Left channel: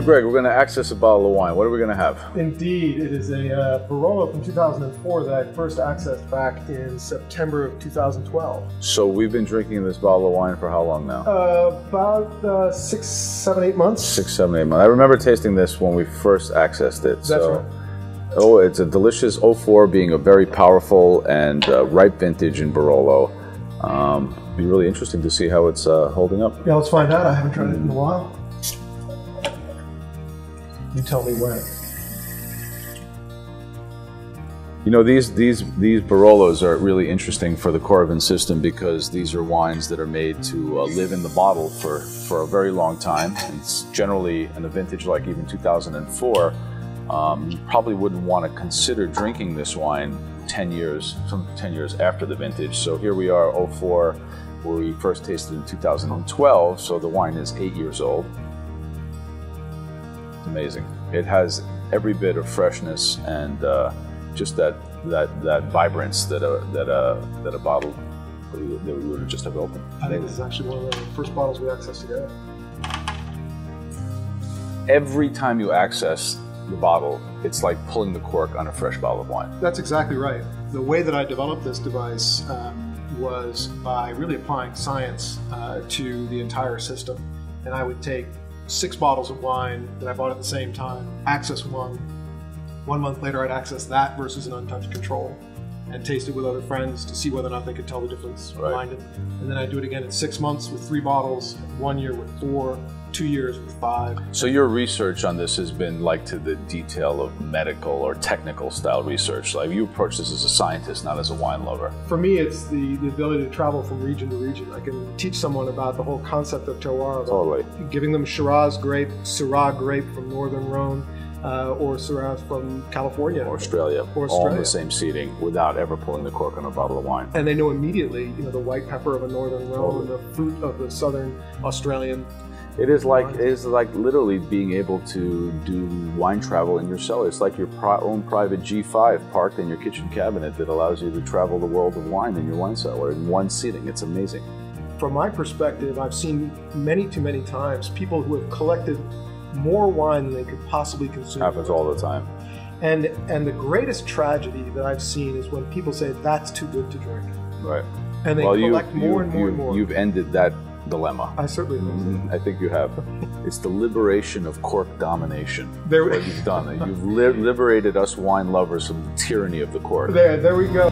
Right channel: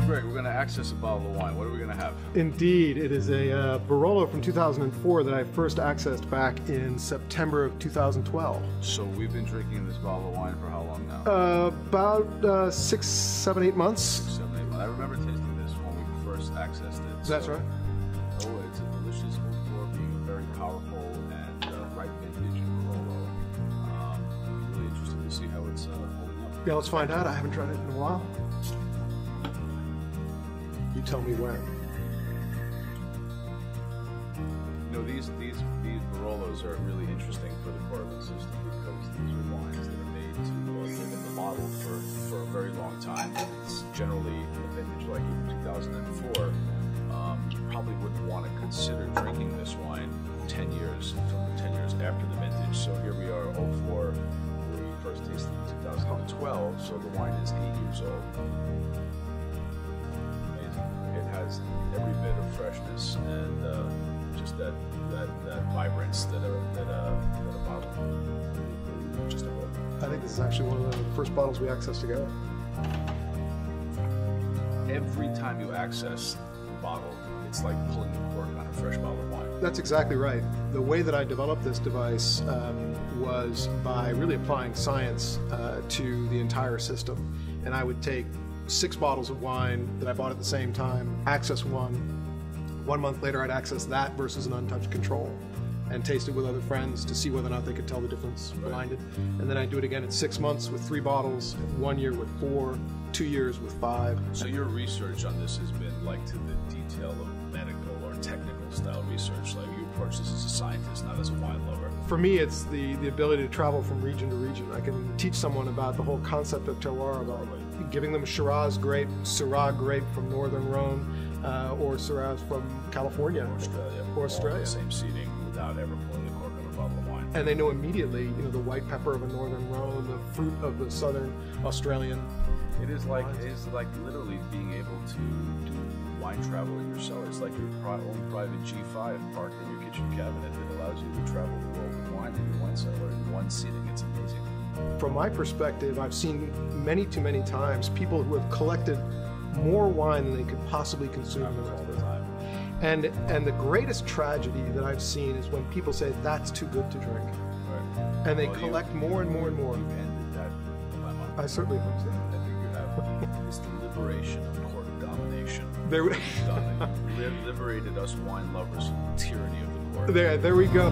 So Greg, we're going to access a bottle of wine. What are we going to have? Indeed, it is a Barolo from 2004 that I first accessed back in September of 2012. So we've been drinking this bottle of wine for how long now? About 6, 7, 8 months. 6, 7, 8 months. I remember tasting this when we first accessed it. That's right. Oh, it's a delicious 04, being a very powerful and ripe vintage in Barolo. It'll be really interesting to see how it's holding up. Yeah, let's find out. I haven't tried it in a while. You tell me when. You know, these Barolos are really interesting for the Coravin system because these are wines that are made to live in the bottle for a very long time. It's generally in a vintage like even 2004. You probably wouldn't want to consider drinking this wine 10 years after the vintage. So here we are, 04, where we first tasted in 2012, so the wine is 8 years old. Amazing. It has every bit of freshness and just that vibrance that a bottle that we would just have opened. I think this is actually one of the first bottles we accessed together. Every time you access the bottle, it's like pulling the cork on a fresh bottle of wine. That's exactly right. The way that I developed this device was by really applying science to the entire system. And I would take 6 bottles of wine that I bought at the same time, access one. 1 month later, I'd access that versus an untouched control and taste it with other friends to see whether or not they could tell the difference behind it. And then I'd do it again in 6 months with 3 bottles, 1 year with 4, 2 years with 5. So your research on this has been like to the detail of medical or technical style research. Like you approach this as a scientist, not as a wine lover. For me, it's the ability to travel from region to region. I can teach someone about the whole concept of terroir. Totally. Giving them Shiraz grape, Syrah grape from Northern Rhone, or Syrah from California. Australia. All in the same seating without ever pulling the cork on a bottle of wine. And they know immediately, you know, the white pepper of a Northern Rhone, the fruit of the Southern Australian. It is like literally being able to do wine travel in your cellar. It's like your own private G5 parked in your kitchen cabinet that allows you to travel the world of wine in your wine cellar in one sitting. It's amazing. From my perspective, I've seen too many times people who have collected more wine than they could possibly consume. Happens all the time. And the greatest tragedy that I've seen is when people say that's too good to drink. Right. And they collect more and more and more. You've ended that dilemma. I certainly do. I think you have. It's the liberation of cork domination. What you've done. You've liberated us wine lovers from the tyranny of the cork. There we go.